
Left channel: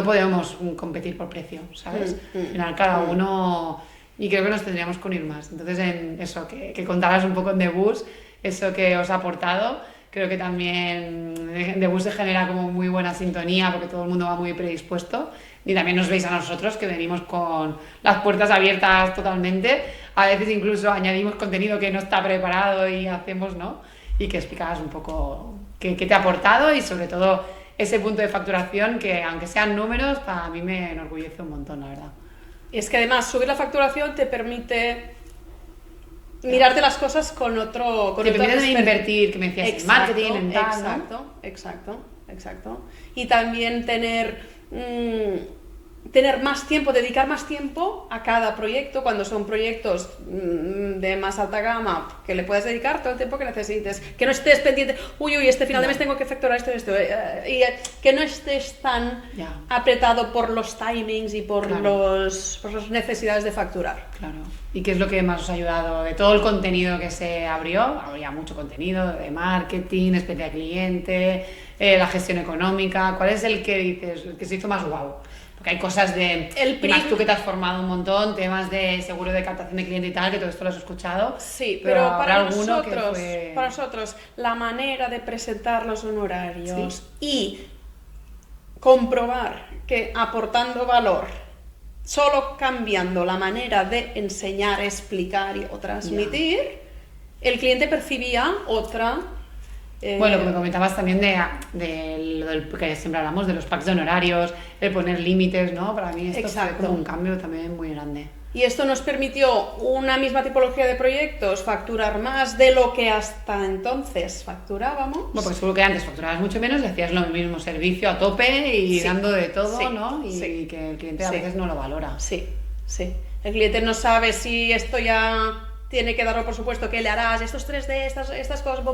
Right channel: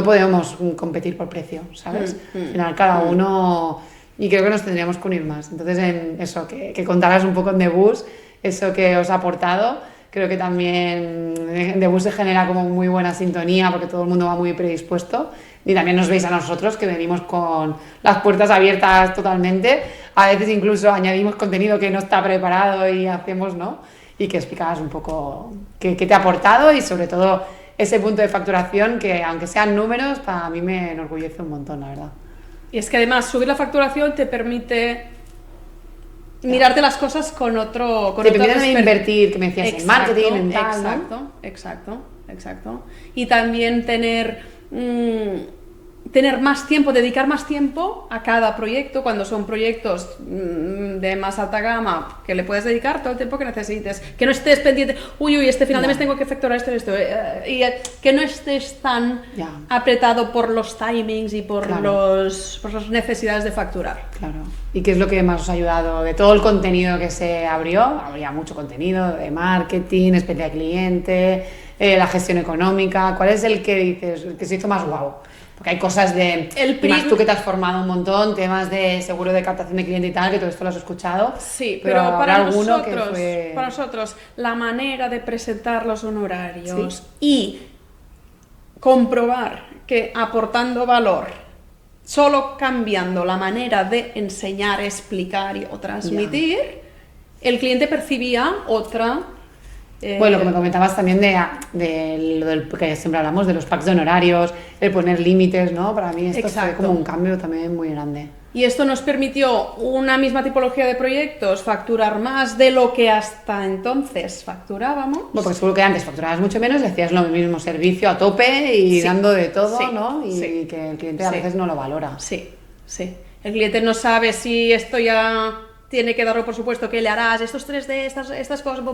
podemos competir por precio, ¿sabes? Al final cada uno, y creo que nos tendríamos que unir más. Entonces, en eso, que contaras un poco en The Bus, eso que os ha aportado, creo que también en The Bus se genera como muy buena sintonía porque todo el mundo va muy predispuesto. Y también nos veis a nosotros que venimos con las puertas abiertas totalmente. A veces incluso añadimos contenido que no está preparado y hacemos, ¿no? Y que explicabas un poco qué te ha aportado y sobre todo ese punto de facturación que, aunque sean números, para mí me enorgullece un montón, la verdad. Y es que además subir la facturación te permite mirarte las cosas con otro... Te permite invertir, que me decías, en marketing, en tal, ¿no? Exacto. Y también tener más tiempo, dedicar más tiempo a cada proyecto, cuando son proyectos de más alta gama, que le puedes dedicar todo el tiempo que necesites, que no estés pendiente, este final de mes tengo que facturar esto, y que no estés tan apretado por los timings y por las necesidades de facturar. Claro. ¿Y qué es lo que más os ha ayudado? De todo el contenido que se abrió, habría mucho contenido de marketing, experiencia de cliente, la gestión económica. ¿Cuál es el que dices, el que se hizo más guau? Porque hay cosas y más tú que te has formado un montón, temas de seguro de captación de cliente y tal, que todo esto lo has escuchado. Sí, pero para nosotros la manera de presentar los honorarios y comprobar que aportando valor, solo cambiando la manera de enseñar, explicar o transmitir, el cliente percibía otra... Bueno, lo que me comentabas también de lo del que siempre hablamos, de los packs de honorarios, el poner límites, ¿no? Para mí esto fue como un cambio también muy grande. Y esto nos permitió una misma tipología de proyectos facturar más de lo que hasta entonces facturábamos. Bueno, porque seguro que antes facturabas mucho menos, decías lo mismo, servicio a tope y dando de todo, ¿no? Y que el cliente a veces no lo valora. Sí. El cliente no sabe si esto ya... tiene que darlo por supuesto, que le harás estos 3D, estas cosas,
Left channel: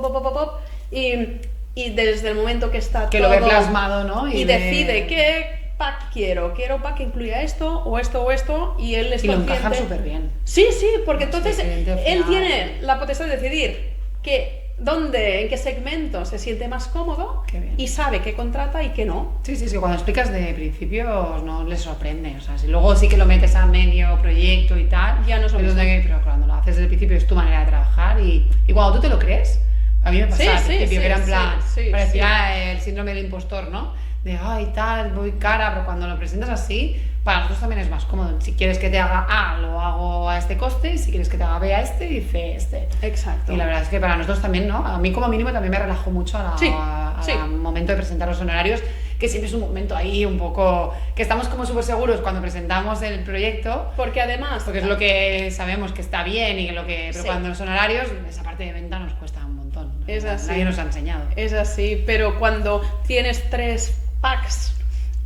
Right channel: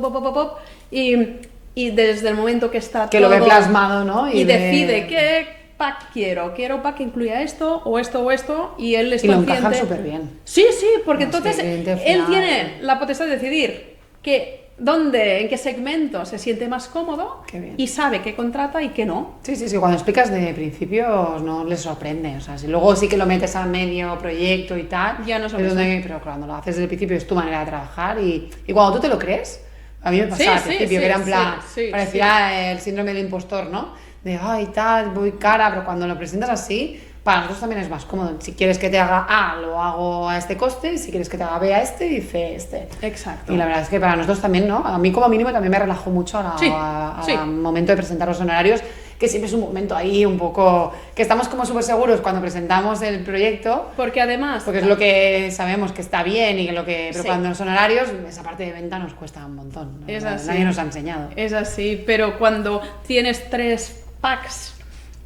y desde el momento que está que todo, lo ve plasmado, ¿no? Y decide qué pack quiero pack que incluya esto, o esto, y él es y lo encajan súper bien. Sí, porque entonces él tiene la potestad de decidir en qué segmento se siente más cómodo y sabe qué contrata y qué no. Sí, cuando explicas de principio no les sorprende, o sea, si luego sí que lo metes a medio proyecto y tal, ya no pero cuando lo haces desde el principio es tu manera de trabajar y cuando tú te lo crees, a mí me pasaba al principio que era en plan, parecía el síndrome del impostor, ¿no? De, ay, tal, voy cara, pero cuando lo presentas así, para nosotros también es más cómodo. Si quieres que te haga A, lo hago a este coste, y si quieres que te haga B a este, y C este. Exacto. Y la verdad es que para nosotros también, ¿no? A mí como mínimo también me relajó mucho al momento de presentar los honorarios, que siempre es un momento ahí un poco... que estamos como súper seguros cuando presentamos el proyecto. Porque además... porque es lo que sabemos que está bien, pero cuando los honorarios, esa parte de venta nos cuesta un montón, ¿no? Es así. Nadie nos ha enseñado. Es así, pero cuando tienes 3 packs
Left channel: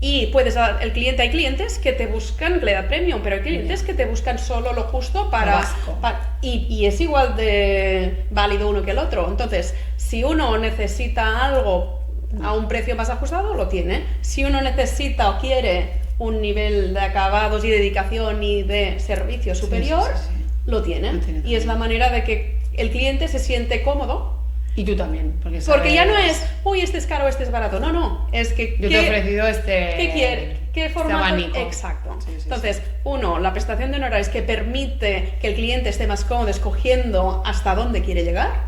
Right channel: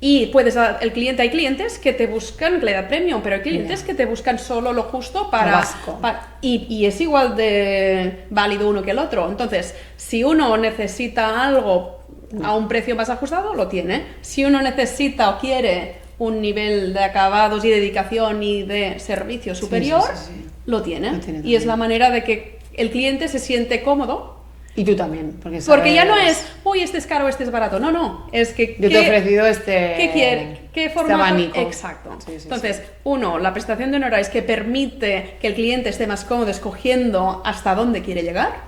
y hay clientes que te buscan, le da premium, pero hay clientes que te buscan solo lo justo y es igual de válido uno que el otro. Entonces, si uno necesita algo a un precio más ajustado, lo tiene. Si uno necesita o quiere un nivel de acabados y dedicación y de servicio superior, lo tiene. Y es la manera de que el cliente se siente cómodo. Y tú también, porque ya no es, este es caro, este es barato. No, es que... Yo te he ofrecido ¿qué quiere? ¿Qué formato? Este abanico. Exacto. Entonces, uno, la prestación de honorarios que permite que el cliente esté más cómodo escogiendo hasta dónde quiere llegar.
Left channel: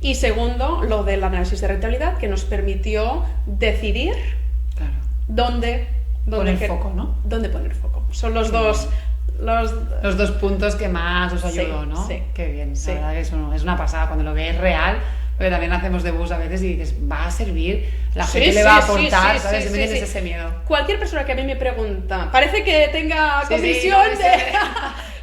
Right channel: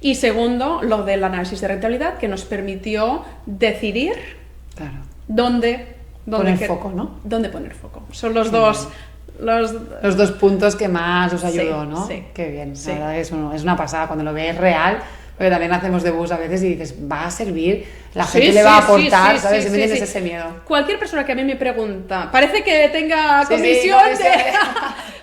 Y segundo, lo del análisis de rentabilidad, que nos permitió decidir dónde poner foco, ¿no? Dónde poner foco. Son los dos... Los dos puntos que más os ayudó, ¿no? Sí. Qué bien, la verdad es una pasada cuando lo ves real, porque también hacemos de bus a veces y dices, va a servir, la gente le va a aportar, ¿sabes? Siempre tienes ese miedo. Cualquier persona que a mí me pregunta, parece que tenga comisión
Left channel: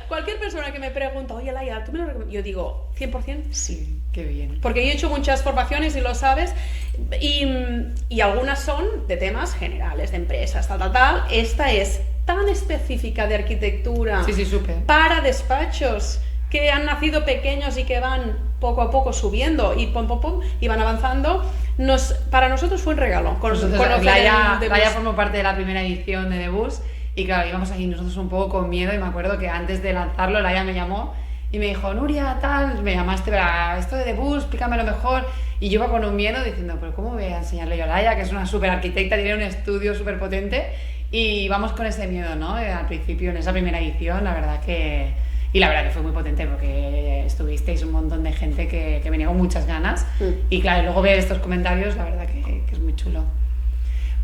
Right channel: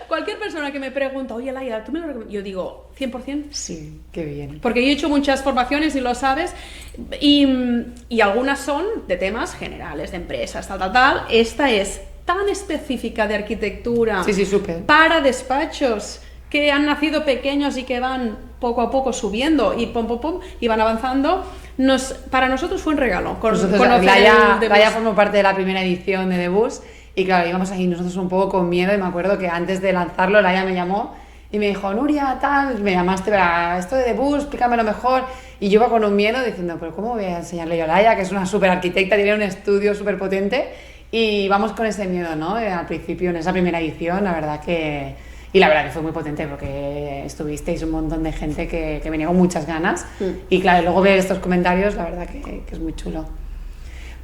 Cualquier persona que me pregunta, oye Laia, ¿tú me lo recomiendas? Yo digo, 100%. Sí, qué bien. Porque yo he hecho muchas formaciones y lo sabes, y algunas son de temas generales, de empresas, tal. Esta es tan específica de arquitectura Sí, súper. para despachos que han nacido pequeños y que van poco a poco subiendo y pum, pum, pum, y van avanzando, para nosotros fue un regalo. Laia formó parte de la primera edición de The Bus y claro, íbamos ahí nosotros un poco con miedo y me acuerdo que antes de lanzarlo Laia me llamó y me dijo, Nuria, tal, me llamaste para esto de The Bus, explícamelo mejor. Y yo iba con un miedo diciendo, pero ¿cómo voy a enseñarle yo a Laia, que es una súper arquitecta, tiene un estudio súper potente? Y vamos con ese miedo, ¿no? Al principio, en esa primera edición, la verdad que... Y la verdad que fue muy potente porque estuvisteis un montón de gente que venía con muchas ganas. Y claro, luego ver estos comentarios, la verdad que es muy chulo.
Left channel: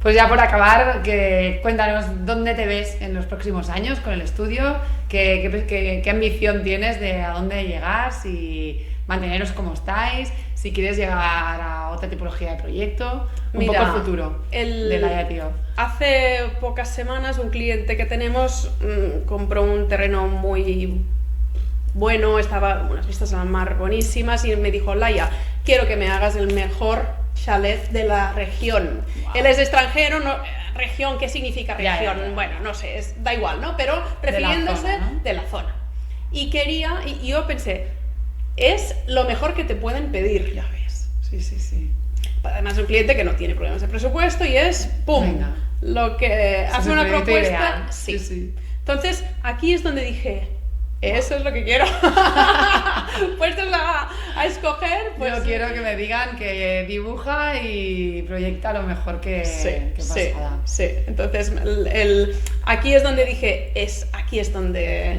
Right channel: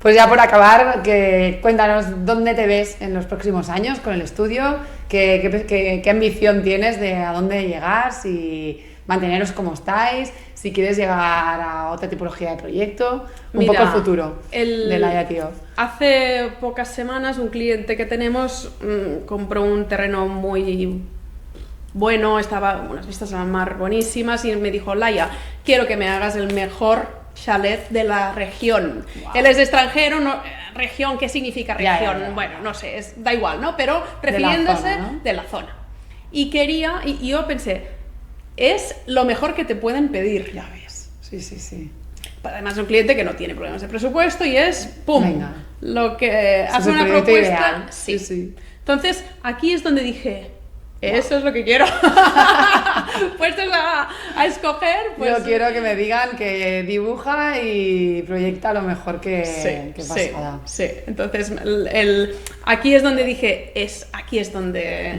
Pues ya por acabar, cuéntanos dónde te ves en los próximos años con el estudio, qué ambición tienes de a dónde llegar, si manteneros como estáis, si quieres llegar a otra tipología de proyecto, Mira, poco el futuro de Laia Tío. Hace pocas semanas un cliente que tenemos compró un terreno muy bueno, estaba unas vistas al mar buenísimas y me dijo, Laia, quiero que me hagas el mejor chalet de la región. Wow. Él es extranjero, no, región, ¿qué significa región? Ya. Bueno, no sé, da igual, ¿no? Pero refiriéndose de la zona. Y yo pensé, es lo mejor que te pueden pedir. Ya ves, sí. Además es un cliente que no tiene problemas de presupuesto y es, ¡pum!, venga, lo que hace una propuesta. Ideal. Sí. Entonces, aquí es donde dije, eso es lo que quiero. Puestos a escoger, pues... Yo quiero que me digan que dibuja y proyecta lo mejor que Pasada. Sí. Entonces, aquí es donde dije, aquí es donde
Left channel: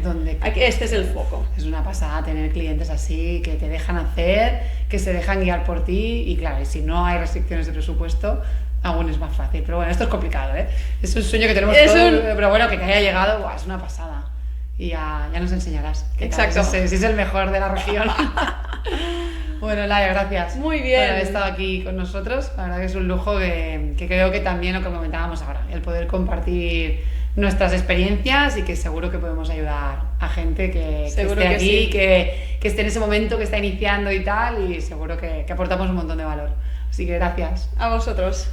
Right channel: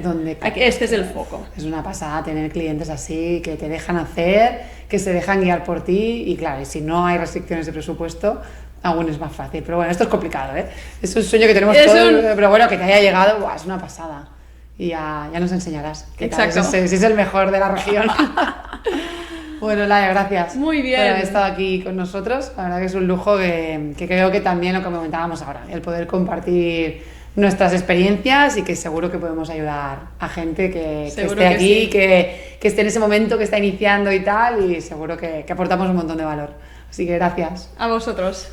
este es el foco. Es una pasada tener clientes así, que te dejan hacer, que se dejan guiar por ti y claro, y si no hay restricciones de presupuesto, aún es más fácil. Pero bueno, esto es complicado, ¿eh? Es un sueño que tenemos todos, pero bueno, que te haya llegado, es una pasada. Y ya nos enseñarás. Exacto. Si es el mejor de la región. Bueno, Laia, gracias. Muy bien. Por haber estado aquí con nosotros. La verdad que es un lujo que creo que también lo que comentábamos ahora, el poder compartir nuestras experiencias y que seguro que podemos ayudar a gente que esté aquí, sí, que esté en ese momento, que está iniciando y tal, y seguro que aportamos un montón de valor. Así que gracias. A vosotros.